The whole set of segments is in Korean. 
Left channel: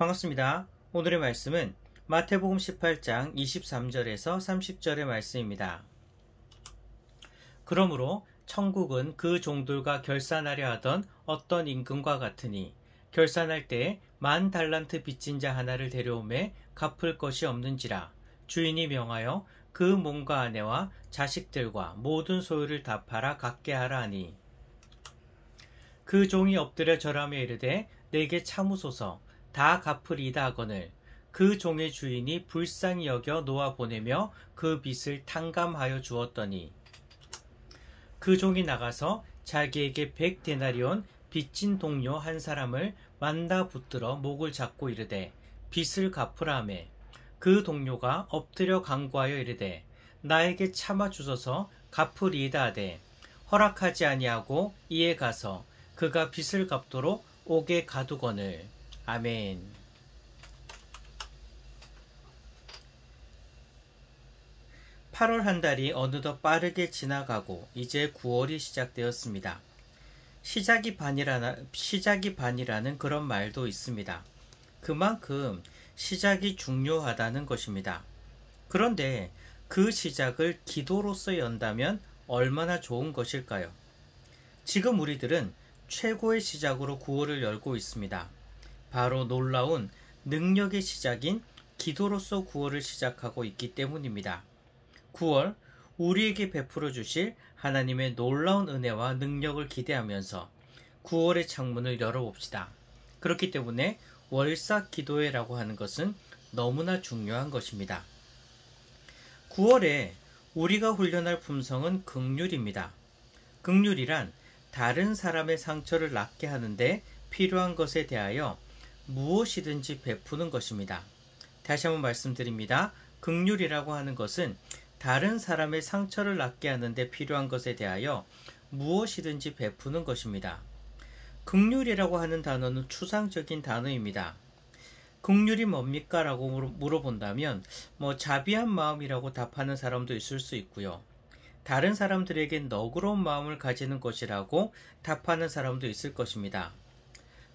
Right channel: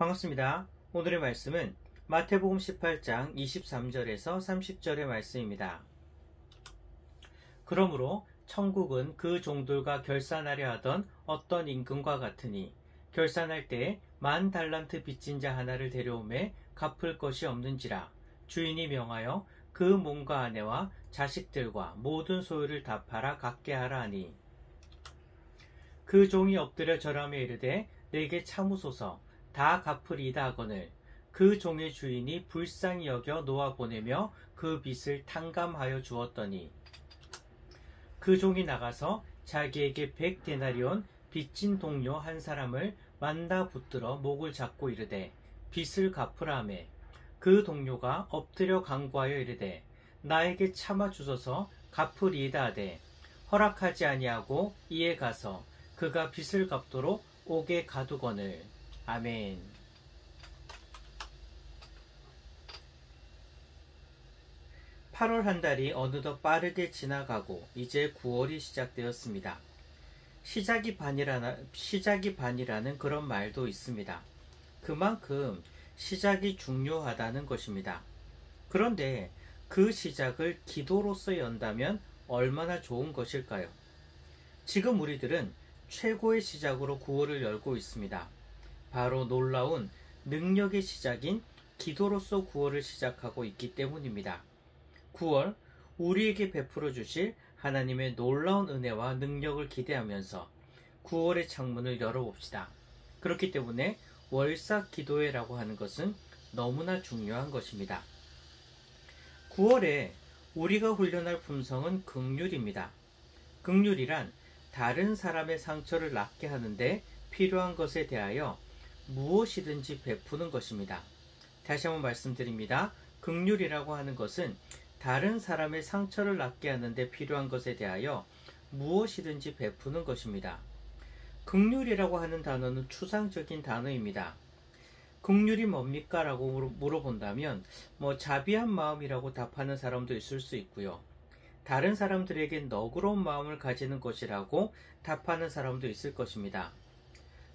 반갑습니다. 오늘의 말씀은 마태복음 18장 23절에서 30절의 말씀입니다. 그러므로 천국은 그 종들과 결산하려 하던 어떤 임금과 같으니 결산할 때에 10,000달란트 빚진 자 하나를 데려오매 갚을 것이 없는지라 주인이 명하여 그 몸과 아내와 자식들과 모든 소유를 다 팔아 갚게 하라 하니 그 종이 엎드려 절하며 이르되 내게 참으소서 다 갚으리이다 하거늘 그 종의 주인이 불쌍히 여겨 놓아 보내며 그 빚을 탕감하여 주었더니 그 종이 나가서 자기에게 100데나리온 빚진 동료 한 사람을 만나 붙들어 목을 잡고 이르되 빚을 갚으라 하매 그 동료가 엎드려 간구하여 이르되 나에게 참아 주소서 갚으리이다 하되 허락하지 아니하고 이에 가서 그가 빚을 갚도록 옥에 가두거늘. 아멘. 8월 한 달이 어느덧 빠르게 지나가고 이제 9월이 시작되었습니다. 시작이 반이라는 그런 말도 있습니다. 그만큼 시작이 중요하다는 것입니다. 그런데 그 시작을 기도로서 연다면 얼마나 좋은 것일까요? 지금 우리들은 최고의 시작으로 9월을 열고 있습니다. 바로 놀라운 능력의 시작인 기도로서 9월을 시작하고 있기 때문입니다. 9월 우리에게 베풀어 주실 하나님의 놀라운 은혜와 능력을 기대하면서 9월의 창문을 열어봅시다. 그렇기 때문에 월삭 기도회라고 하는 것은 너무나 중요한 것입니다. 9월에 우리가 훈련할 품성은 긍휼입니다. 긍휼이란 다른 사람의 상처를 낫게 하는데 필요한 것에 대하여 무엇이든지 베푸는 것입니다. 다시 한번 말씀드립니다. 긍휼이라고 하는 것은 다른 사람의 상처를 낫게 하는데 필요한 것에 대하여 무엇이든지 베푸는 것입니다. 긍휼이라고 하는 단어는 추상적인 단어입니다. 긍휼이 뭡니까? 라고 물어본다면 자비한 마음이라고 답하는 사람도 있을 수 있고요. 다른 사람들에게 너그러운 마음을 가지는 것이라고 답하는 사람도 있을 것입니다.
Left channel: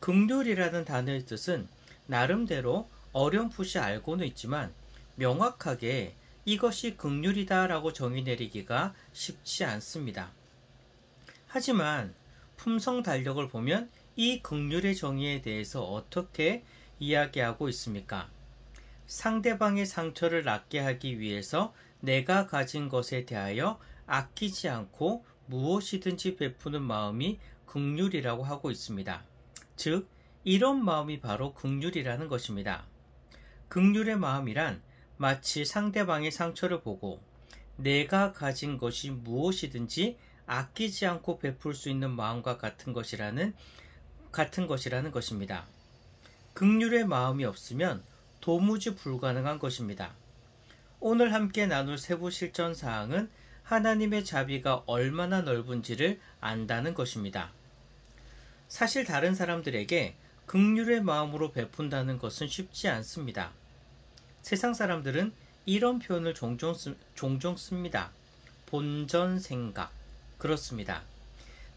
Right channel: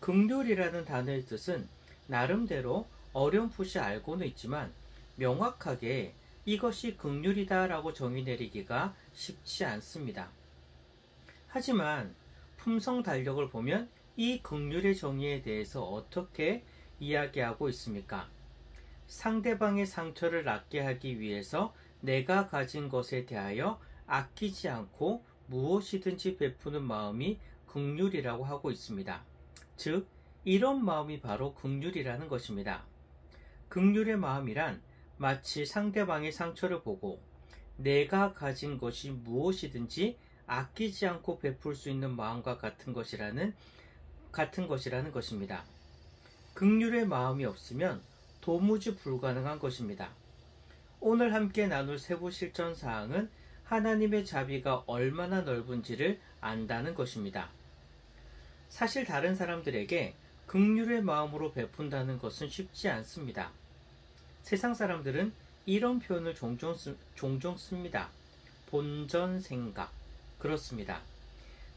긍휼이라는 단어의 뜻은 나름대로 어렴풋이 알고는 있지만 명확하게 이것이 긍휼이다 라고 정의 내리기가 쉽지 않습니다. 하지만 품성 달력을 보면 이 긍휼의 정의에 대해서 어떻게 이야기하고 있습니까? 상대방의 상처를 낫게 하기 위해서 내가 가진 것에 대하여 아끼지 않고 무엇이든지 베푸는 마음이 긍휼이라고 하고 있습니다. 즉, 이런 마음이 바로 긍휼이라는 것입니다. 긍휼의 마음이란 마치 상대방의 상처를 보고 내가 가진 것이 무엇이든지 아끼지 않고 베풀 수 있는 마음과 같은 것이라는 것입니다. 긍휼의 마음이 없으면 도무지 불가능한 것입니다. 오늘 함께 나눌 세부 실천 사항은 하나님의 자비가 얼마나 넓은지를 안다는 것입니다. 사실 다른 사람들에게 긍휼의 마음으로 베푼다는 것은 쉽지 않습니다. 세상 사람들은 이런 표현을 종종 씁니다. 본전생각. 그렇습니다.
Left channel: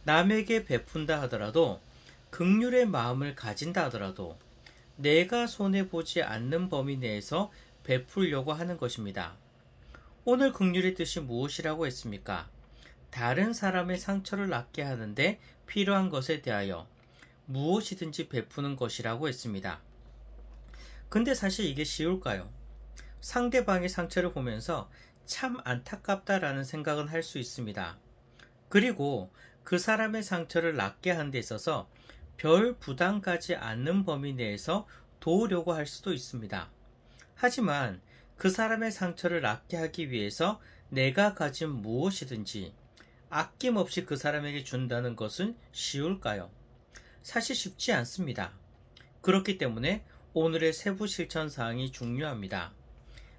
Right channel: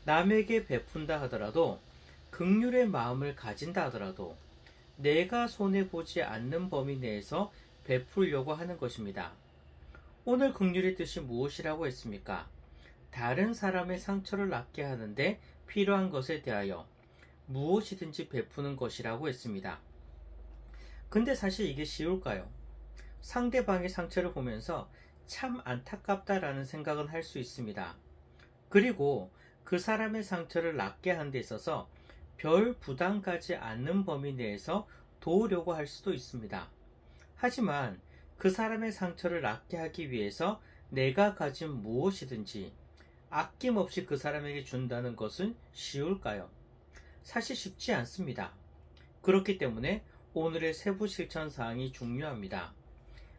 남에게 베푼다 하더라도 긍휼의 마음을 가진다 하더라도 내가 손해보지 않는 범위 내에서 베풀려고 하는 것입니다. 오늘 긍휼의 뜻이 무엇이라고 했습니까? 다른 사람의 상처를 낫게 하는데 필요한 것에 대하여 무엇이든지 베푸는 것이라고 했습니다. 근데 사실 이게 쉬울까요? 상대방의 상처를 보면서 참 안타깝다라는 생각은 할 수 있습니다. 그리고 그 사람의 상처를 낫게 하는 데 있어서 별 부담 가지 않는 범위 내에서 도우려고 할 수도 있습니다. 하지만 그 사람의 상처를 낫게 하기 위해서 내가 가진 무엇이든지 아낌없이 그 사람에게 준다는 것은 쉬울까요? 사실 쉽지 않습니다. 그렇기 때문에 오늘의 세부 실천 사항이 중요합니다.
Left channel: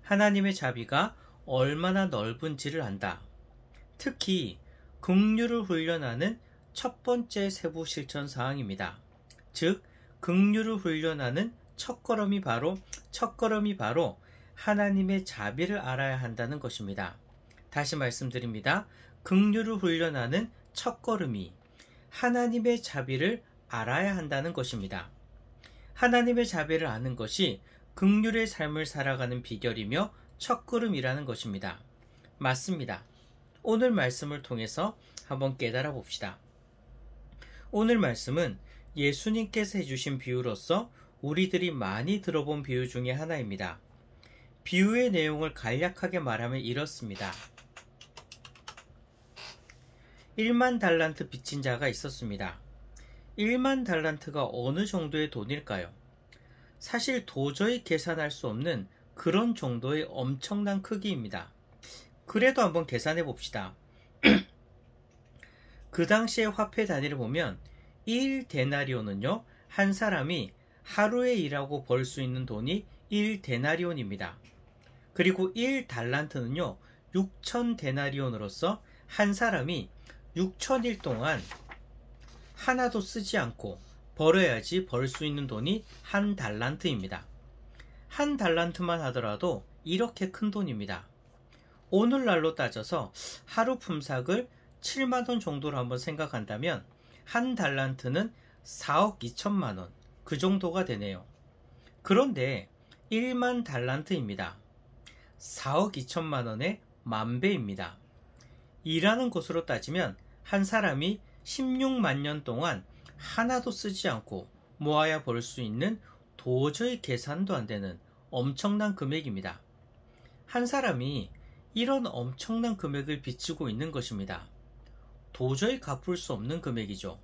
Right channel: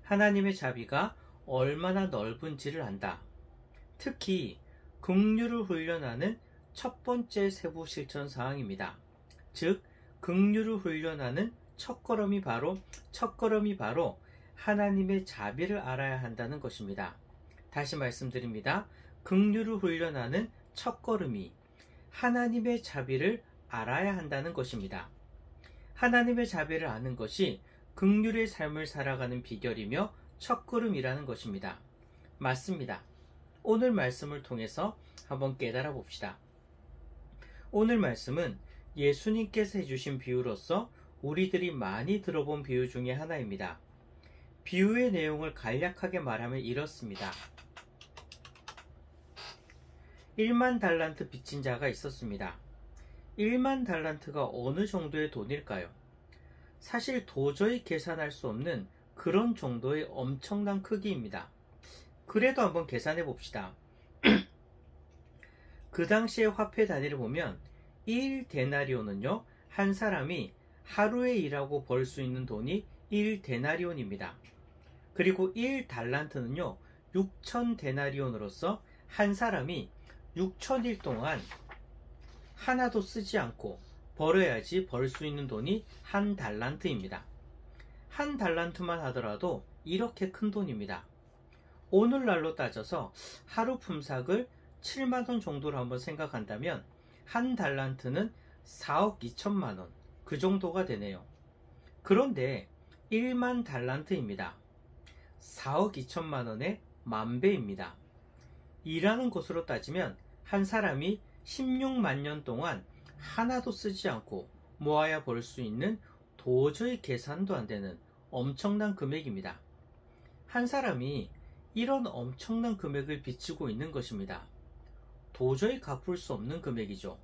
하나님의 자비가 얼마나 넓은지를 안다. 특히 긍휼을 훈련하는 첫 번째 세부 실천 사항입니다. 즉, 긍휼을 훈련하는 첫걸음이 바로 하나님의 자비를 알아야 한다는 것입니다. 다시 말씀드립니다. 긍휼을 훈련하는 첫걸음이 하나님의 자비를 알아야 한다는 것입니다. 하나님의 자비를 아는 것이 긍휼의 삶을 살아가는 비결이며 첫걸음이라는 것입니다. 맞습니다. 오늘 말씀을 통해서 한번 깨달아 봅시다. 오늘 말씀은 예수님께서 해주신 비유로서 우리들이 많이 들어본 비유 중에 하나입니다. 비유의 내용을 간략하게 말하면 이렇습니다. 1만 달란트 빚진 자가 있었습니다. 1만 달란트가 어느 정도의 돈일까요? 사실 도저히 계산할 수 없는 그런 정도의 엄청난 크기입니다. 그래도 한번 계산해 봅시다. 그 당시의 화폐 단위를 보면 1데나리온은요, 한 사람이 하루에 일하고 벌 수 있는 돈이 1데나리온입니다. 그리고 1달란트는요, 6,000데나리온으로서 한 사람이 6,000일 동안 하나도 쓰지 않고 벌어야지 벌 수 있는 돈이 한 달란트입니다. 한 달란트만 하더라도 이렇게 큰 돈입니다. 오늘날로 따져서 하루 품삯을 7만원 정도로 한번 생각한다면 한 달란트는 4억 2천만원, 그 정도가 되네요. 그런데 1만 달란트입니다. 4억 2천만원의 만배입니다. 일하는 것으로 따지면 한 사람이 16만 년 동안 하나도 쓰지 않고 모아야 벌 수 있는 도저히 계산도 안 되는 엄청난 금액입니다. 한 사람이 이런 엄청난 금액을 빚지고 있는 것입니다. 도저히 갚을 수 없는 금액이죠.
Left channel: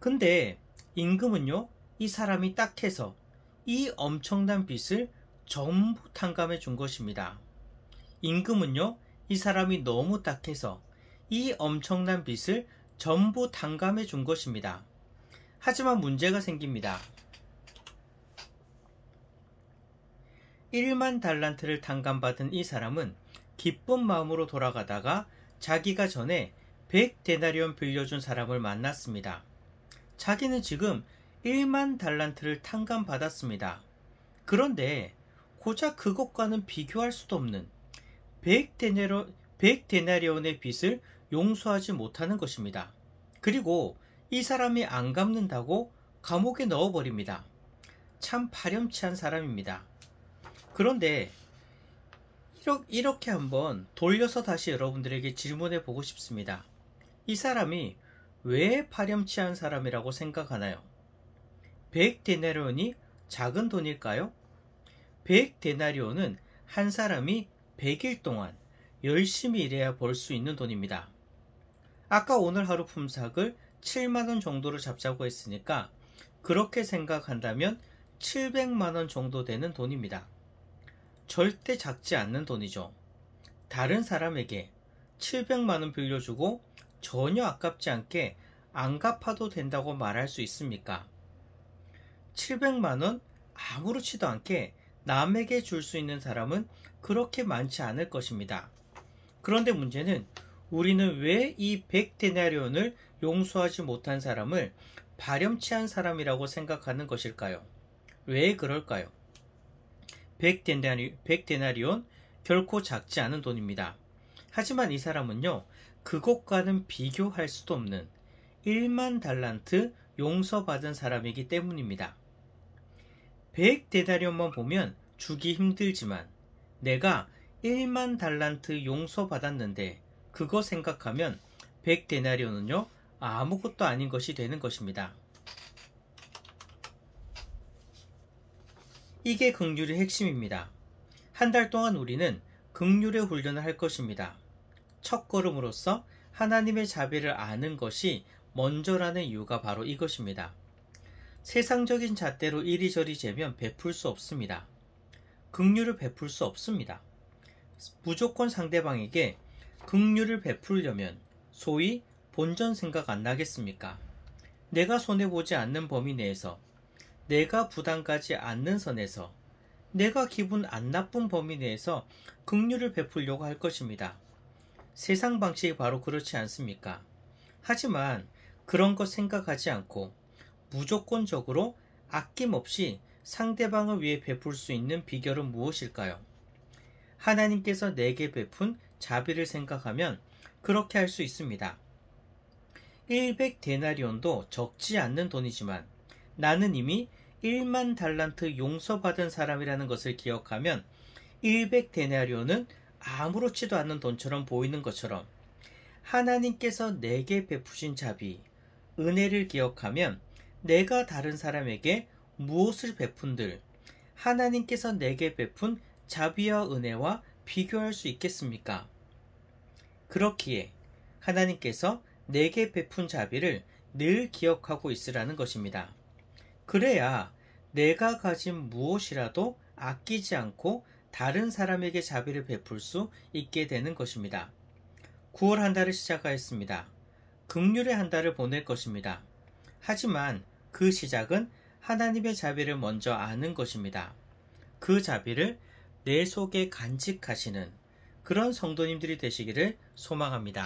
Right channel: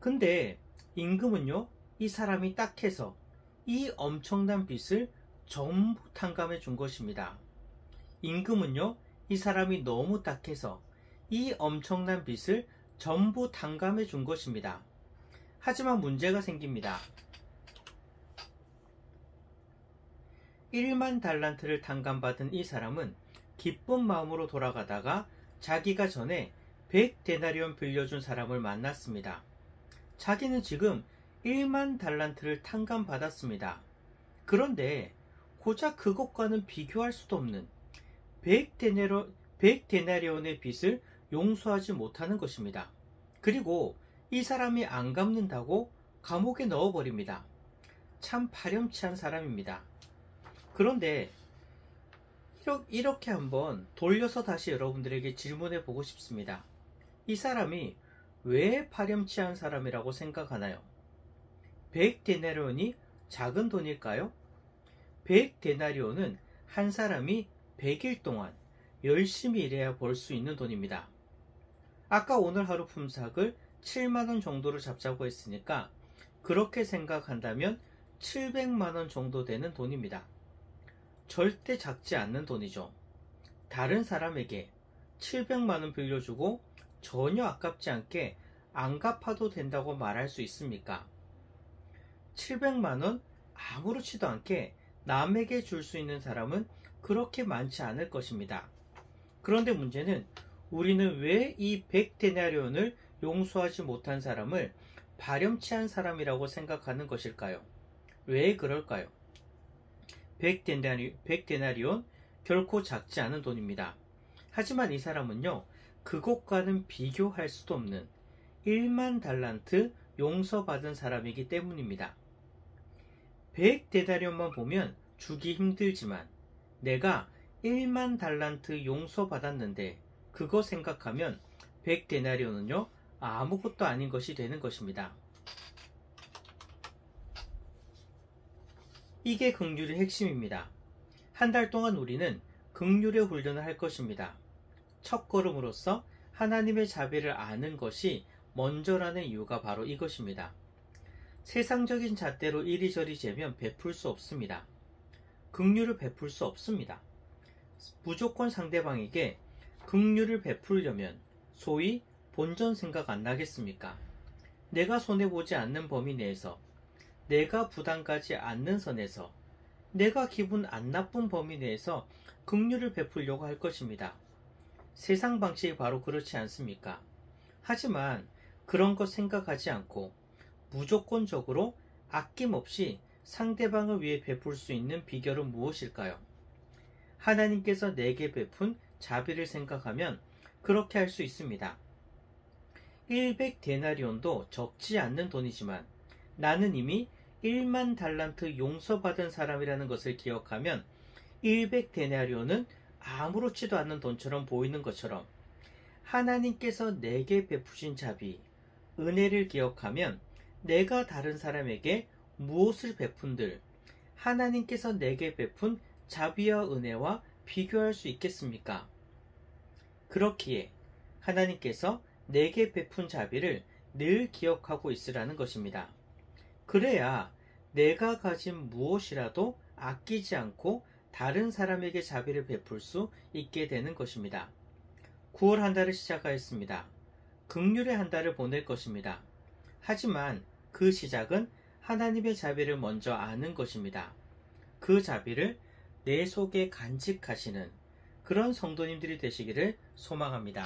근데 임금은요, 이 사람이 딱해서 이 엄청난 빚을 전부 탕감해 준 것입니다. 임금은요, 이 사람이 너무 딱해서 이 엄청난 빚을 전부 탕감해 준 것입니다. 하지만 문제가 생깁니다. 1만 달란트를 탕감받은 이 사람은 기쁜 마음으로 돌아가다가 자기가 전에 100데나리온 빌려준 사람을 만났습니다. 자기는 지금 1만 달란트를 탕감받았습니다. 그런데 고작 그것과는 비교할 수도 없는 100데나리온의 빚을 용서하지 못하는 것입니다. 그리고 이 사람이 안 갚는다고 감옥에 넣어버립니다. 참 파렴치한 사람입니다. 그런데 이렇게 한번 돌려서 다시 여러분들에게 질문해 보고 싶습니다. 이 사람이 왜 파렴치한 사람이라고 생각하나요? 100데나리온이 작은 돈일까요? 100데나리온은 한 사람이 100일 동안 열심히 일해야 벌 수 있는 돈입니다. 아까 오늘 하루 품삯을 7만원 정도로 잡자고 했으니까 그렇게 생각한다면 700만원 정도 되는 돈입니다. 절대 작지 않는 돈이죠. 다른 사람에게 700만원 빌려주고 전혀 아깝지 않게 안 갚아도 된다고 말할 수 있습니까? 700만원 아무렇지도 않게 남에게 줄 수 있는 사람은 그렇게 많지 않을 것입니다. 그런데 문제는 우리는 왜 이 100데나리온을 용서하지 못한 사람을 파렴치한 사람이라고 생각하는 것일까요? 왜 그럴까요? 100데나리온 결코 작지 않은 돈입니다. 하지만 이 사람은요, 그것과는 비교할 수도 없는 1만 달란트 용서받은 사람이기 때문입니다. 100데나리온만 보면 주기 힘들지만 내가 1만 달란트 용서받았는데 그거 생각하면 100데나리온은요, 아무것도 아닌 것이 되는 것입니다. 이게 긍휼의 핵심입니다. 한 달 동안 우리는 긍휼의 훈련을 할 것입니다. 첫걸음으로서 하나님의 자비를 아는 것이 먼저라는 이유가 바로 이것입니다. 세상적인 잣대로 이리저리 재면 베풀 수 없습니다. 긍휼을 베풀 수 없습니다. 무조건 상대방에게 긍휼을 베풀려면 소위 본전 생각 안 나겠습니까? 내가 손해보지 않는 범위 내에서, 내가 부담 가지 않는 선에서, 내가 기분 안 나쁜 범위 내에서 긍휼을 베풀려고 할 것입니다. 세상 방식이 바로 그렇지 않습니까? 하지만 그런 것 생각하지 않고 무조건적으로 아낌없이 상대방을 위해 베풀 수 있는 비결은 무엇일까요? 하나님께서 내게 베푼 자비를 생각하면 그렇게 할 수 있습니다. 100데나리온도 적지 않는 돈이지만 나는 이미 1만 달란트 용서받은 사람이라는 것을 기억하면 100데나리온은 아무렇지도 않은 돈처럼 보이는 것처럼 하나님께서 내게 베푸신 자비, 은혜를 기억하면 내가 다른 사람에게 무엇을 베푼들 하나님께서 내게 베푼 자비와 은혜와 비교할 수 있겠습니까? 그렇기에 하나님께서 내게 베푼 자비를 늘 기억하고 있으라는 것입니다. 그래야 내가 가진 무엇이라도 아끼지 않고 다른 사람에게 자비를 베풀 수 있게 되는 것입니다. 9월 한 달을 시작하였습니다. 긍휼의 한 달을 보낼 것입니다. 하지만 그 시작은 하나님의 자비를 먼저 아는 것입니다. 그 자비를 내 속에 간직하시는 그런 성도님들이 되시기를 소망합니다.